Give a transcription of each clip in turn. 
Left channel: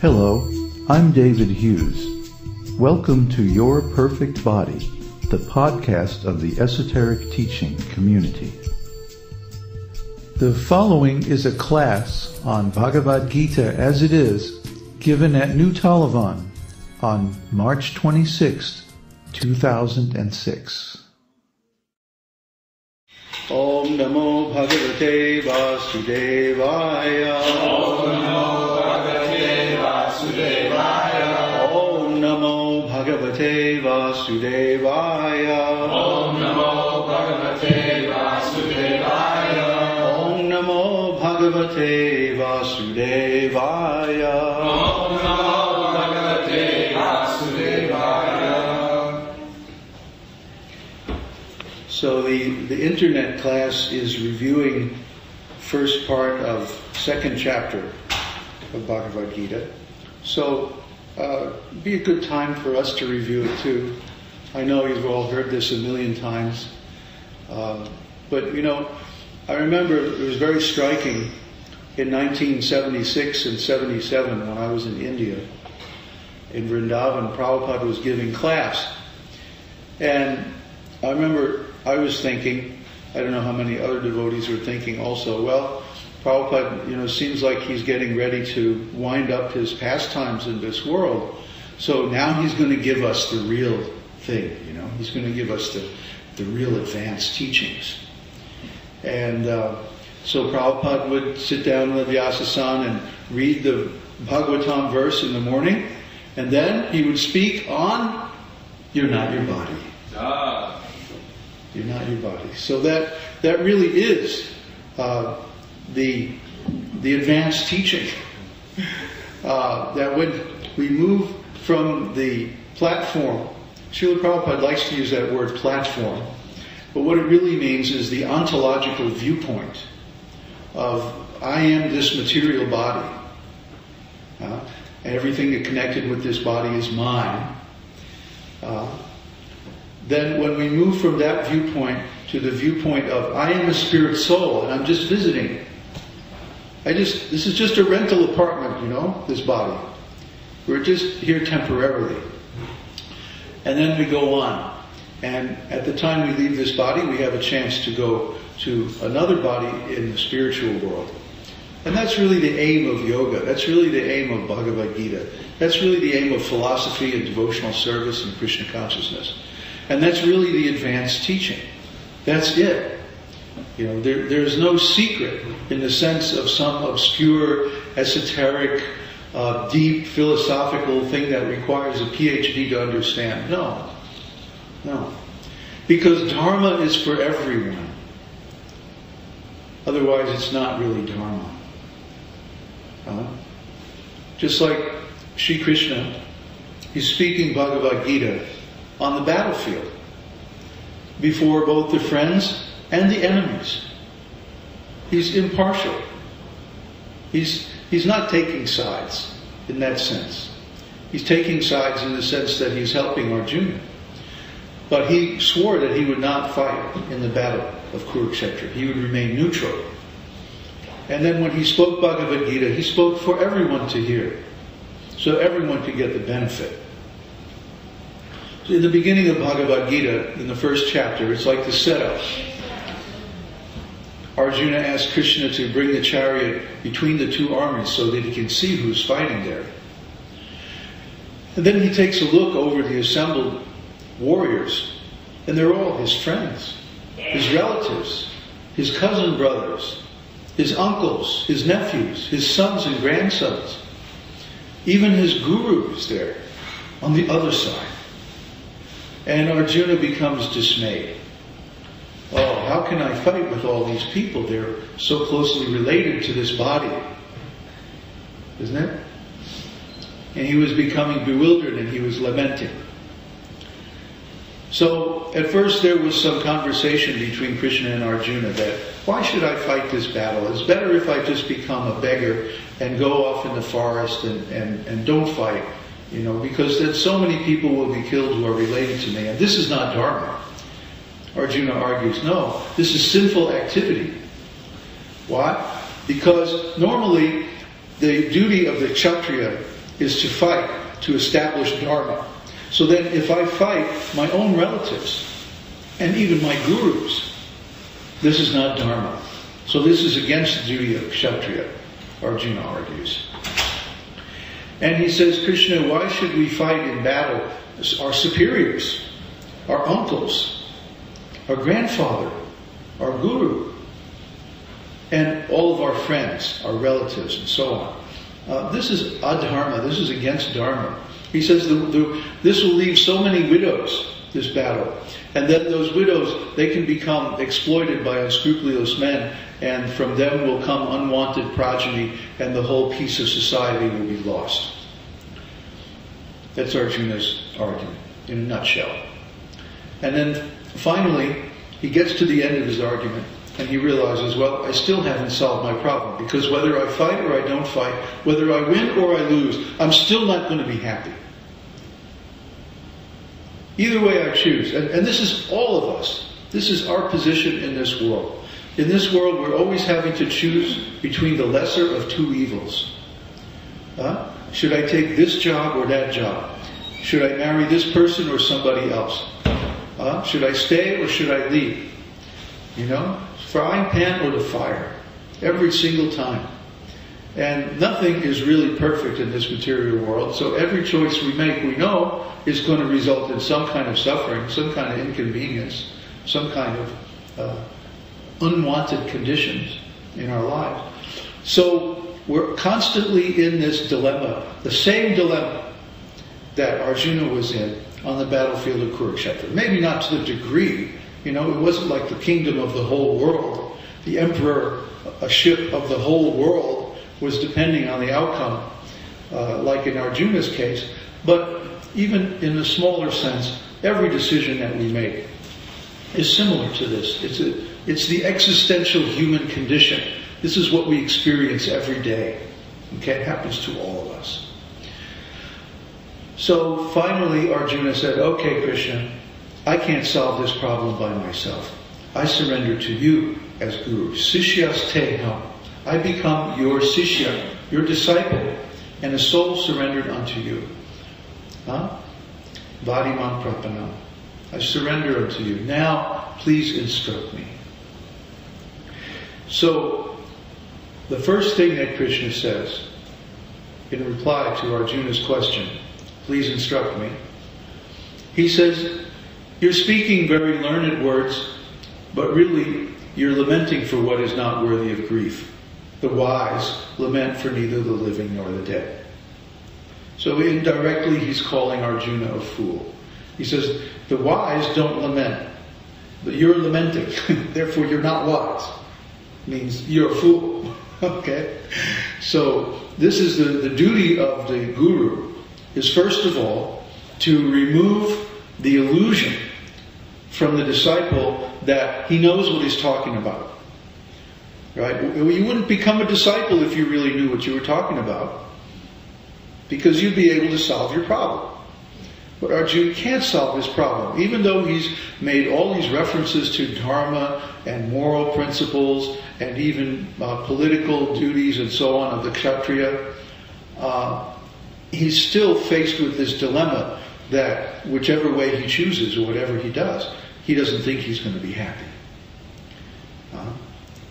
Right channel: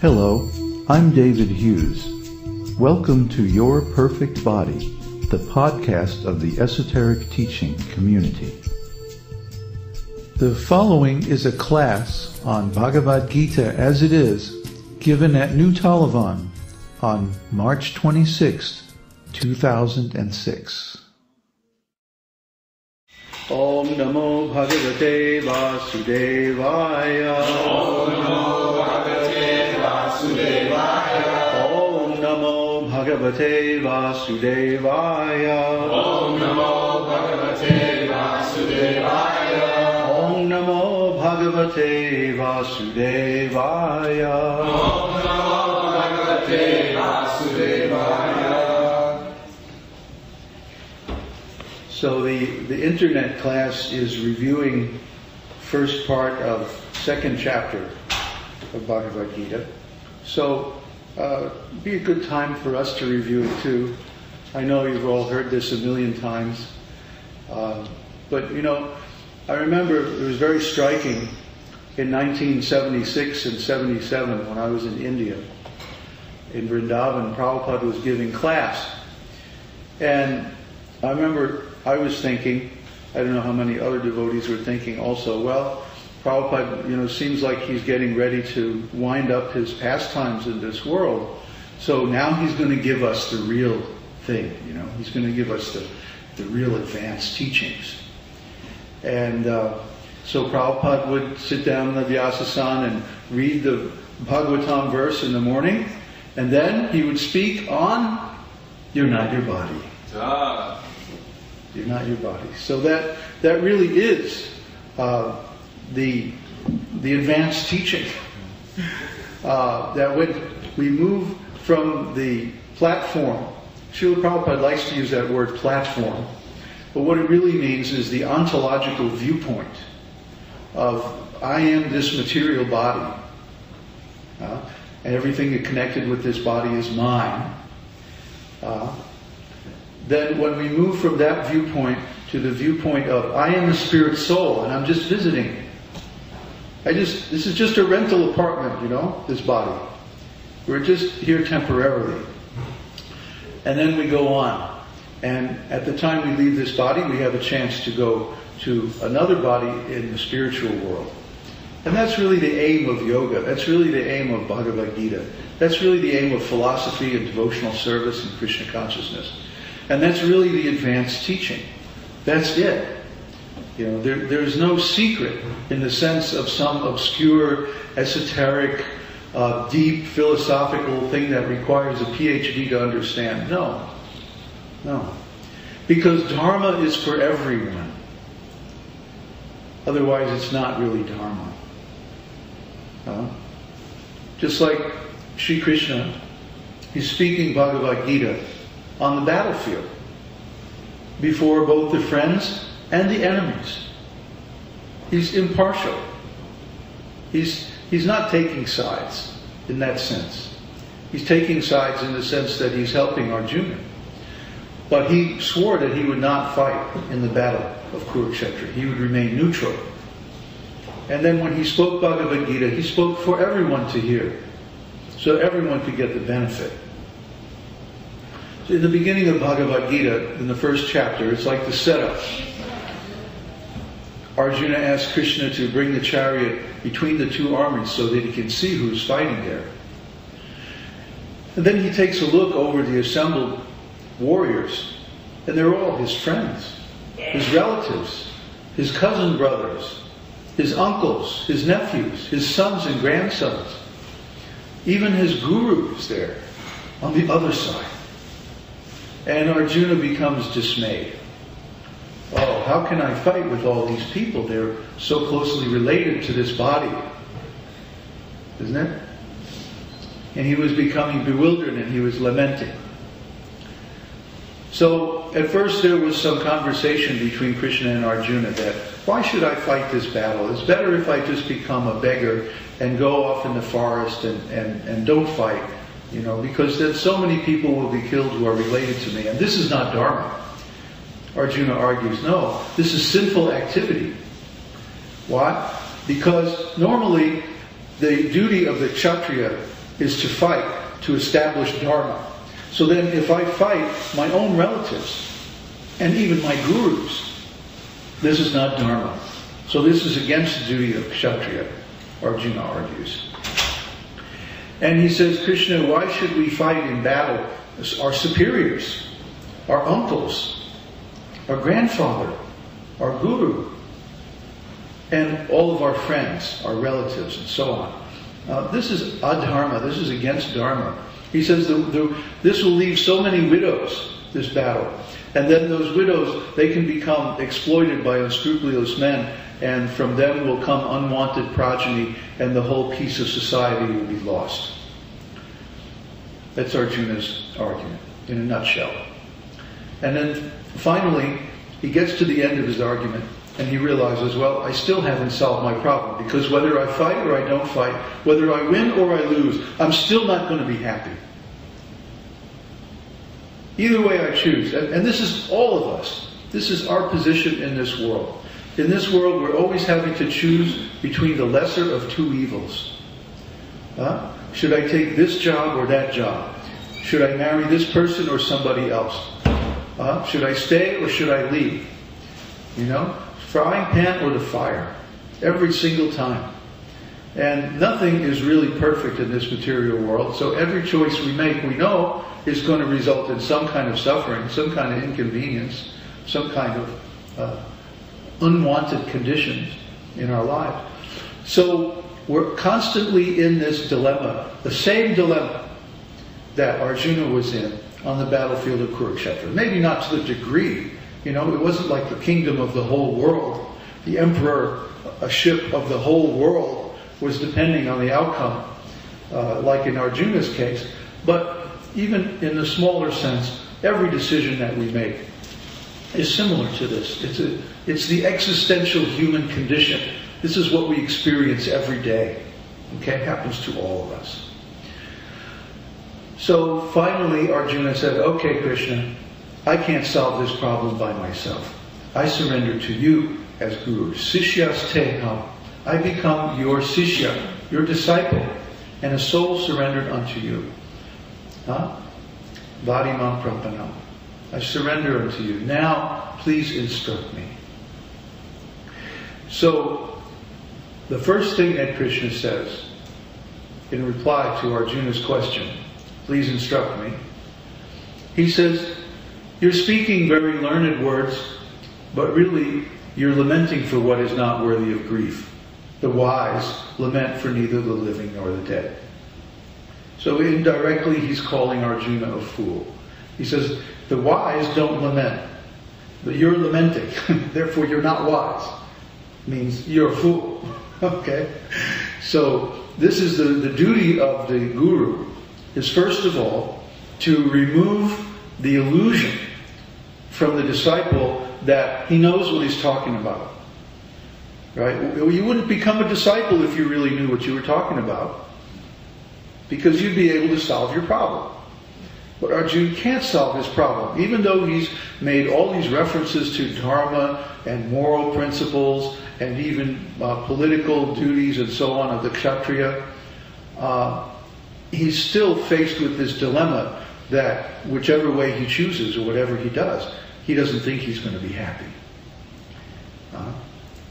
Hello, I'm David Hughes. Welcome to Your Perfect Body, the podcast of the Esoteric Teaching Community. The following is a class on Bhagavad-gītā as it is, given at New Talavan on March 26, 2006. Om Namo Bhagavate Vasudevaya. Om Namo Bhagavate Vasudevaya. Om Namo Bhagavate Vasudevaya. Om Namo Bhagavate Vasudevaya. Om Namo Bhagavate Vasudevaya. Om Namo Bhagavate Vasudevaya. So the internet class is reviewing first part of second chapter of Bhagavad-gītā. So be a good time for us to review it too. I know you've all heard this a million times. But you know, I remember it was very striking in 1976 and 77 when I was in India. In Vrindavan, Prabhupada was giving class. And I remember I was thinking, I don't know how many other devotees were thinking also, well, Prabhupada, seems like he's getting ready to wind up his pastimes in this world. So now he's going to give us the real thing, He's going to give us the real advanced teachings. And so Prabhupada would sit down in the Vyasasana and read the Bhagavatam verse in the morning, and then he would speak on, you're not your body. You're not your body. So that really is the advanced teaching. That when we move from the platform, Srila Prabhupada likes to use that word platform, but what it really means is the ontological viewpoint of I am this material body. Everything that connected with this body is mine. Then when we move from that viewpoint to the viewpoint of I am a spirit soul and I'm just visiting. This is just a rental apartment, this body. We're just here temporarily. And then we go on. And at the time we leave this body, we have a chance to go to another body in the spiritual world. And that's really the aim of yoga. That's really the aim of Bhagavad-gītā. That's really the aim of philosophy and devotional service and Krishna consciousness. And that's really the advanced teaching. That's it. There's no secret in the sense of some obscure, esoteric, deep philosophical thing that requires a PhD to understand. No. Because Dharma is for everyone. Otherwise it's not really Dharma. Just like Sri Krishna, he's speaking Bhagavad-gītā on the battlefield before both the friends and the enemies. He's impartial. He's not taking sides in that sense. He's taking sides in the sense that he's helping Arjuna. But he swore that he would not fight in the battle of Kurukshetra. He would remain neutral. And then when he spoke Bhagavad-gītā, he spoke for everyone to hear, so everyone could get the benefit. So in the beginning of Bhagavad-gītā, in the first chapter, it's like the setup. Arjuna asked Krishna to bring the chariot between the two armies so that he can see who's fighting there. And then he takes a look over the assembled warriors, and they're all his friends, his relatives, his cousin brothers, his uncles, his nephews, his sons and grandsons. Even his guru is there on the other side. And Arjuna becomes dismayed. Oh, how can I fight with all these people? They're so closely related to this body. Isn't it? And he was becoming bewildered and he was lamenting. So at first there was some conversation between Krishna and Arjuna that, why should I fight this battle? It's better if I just become a beggar and go off in the forest and don't fight, because then so many people will be killed who are related to me. And this is not Dharma. Arjuna argues, no, this is sinful activity. Why? Because normally the duty of the Kshatriya is to fight, to establish Dharma. So then if I fight my own relatives and even my gurus, this is not Dharma. So this is against the duty of Kshatriya, Arjuna argues. And he says, Krishna, why should we fight in battle our superiors, our uncles, our grandfather, our guru, and all of our friends, our relatives, and so on? This is adharma. This is against Dharma. He says this will leave so many widows, this battle. And then those widows, they can become exploited by unscrupulous men, and from them will come unwanted progeny, and the whole peace of society will be lost. That's Arjuna's argument, in a nutshell. And then finally, he gets to the end of his argument, and he realizes, well, I still haven't solved my problem, because whether I fight or I don't fight, whether I win or I lose, I'm still not going to be happy. Either way I choose. And this is all of us. This is our position in this world. In this world, we're always having to choose between the lesser of two evils. Should I take this job or that job? Should I marry this person or somebody else? Should I stay or should I leave? Frying pan or the fire. Every single time. And nothing is really perfect in this material world, so every choice we make, we know, is going to result in some kind of suffering, some kind of inconvenience, some kind of unwanted conditions in our lives. So we're constantly in this dilemma, the same dilemma that Arjuna was in on the battlefield of Kurukshetra. Maybe not to the degree, it wasn't like the kingdom of the whole world. The emperorship of the whole world was depending on the outcome, like in Arjuna's case. But even in a smaller sense, every decision that we make is similar to this. It's the existential human condition. This is what we experience every day. Okay, it happens to all of us. So finally Arjuna said, okay, Krishna, I can't solve this problem by myself. I surrender to you as Guru. Sishyas teham. I become your sishya, your disciple, and a soul surrendered unto you. Vadimam prapanam. I surrender unto you. Now, please instruct me. So, the first thing that Krishna says, in reply to Arjuna's question, please instruct me, he says, you're speaking very learned words, but really, you're lamenting for what is not worthy of grief. The wise lament for neither the living nor the dead. So indirectly he's calling Arjuna a fool. He says, the wise don't lament, but you're lamenting, therefore you're not wise. Means you're a fool. Okay? So this is the duty of the guru, is first of all to remove the illusion from the disciple that he knows what he's talking about. Right? You wouldn't become a disciple if you really knew what you were talking about, because you'd be able to solve your problem. But Arjuna can't solve his problem. Even though he's made all these references to dharma and moral principles and even political duties and so on of the Kshatriya, he's still faced with this dilemma that whichever way he chooses or whatever he does, he doesn't think he's going to be happy.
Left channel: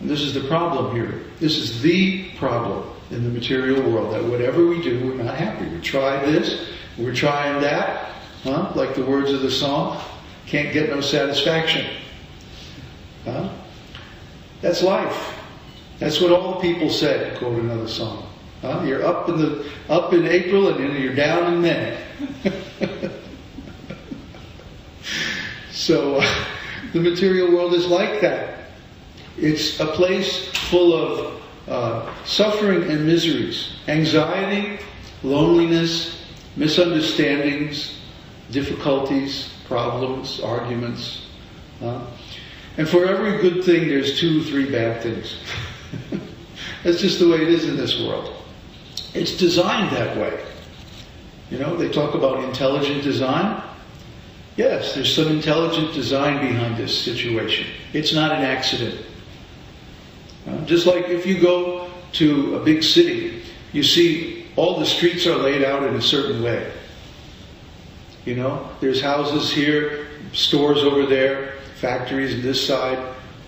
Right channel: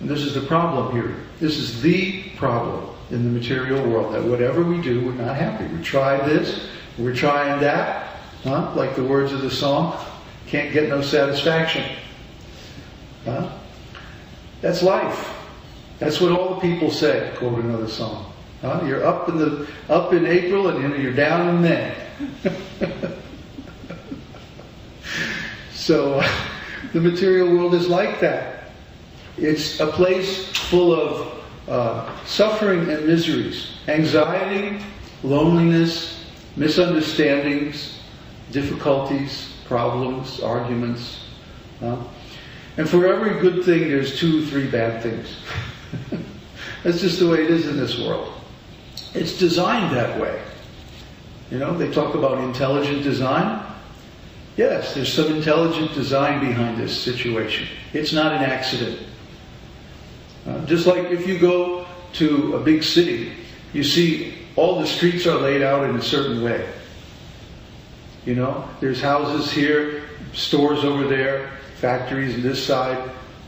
And this is the problem here. This is the problem in the material world, that whatever we do, we're not happy. We try this, we're trying that, like the words of the song, can't get no satisfaction. That's life. That's what all the people say, to quote another song. You're up in April and you're down in May. So the material world is like that. It's a place full of suffering and miseries, anxiety, loneliness, misunderstandings, difficulties, problems, arguments. And for every good thing, there's 2 or 3 bad things. That's just the way it is in this world. It's designed that way. You know, they talk about intelligent design. Yes, there's some intelligent design behind this situation. It's not an accident. Just like if you go to a big city, you see all the streets are laid out in a certain way. You know, there's houses here, stores over there, factories on this side,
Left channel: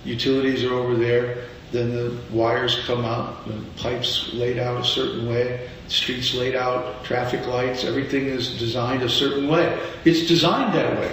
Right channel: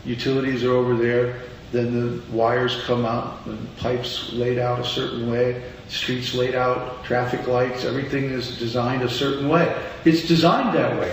utilities are over there, then the wires come out, and the pipes laid out a certain way, streets laid out, traffic lights, everything is designed a certain way. It's designed that way.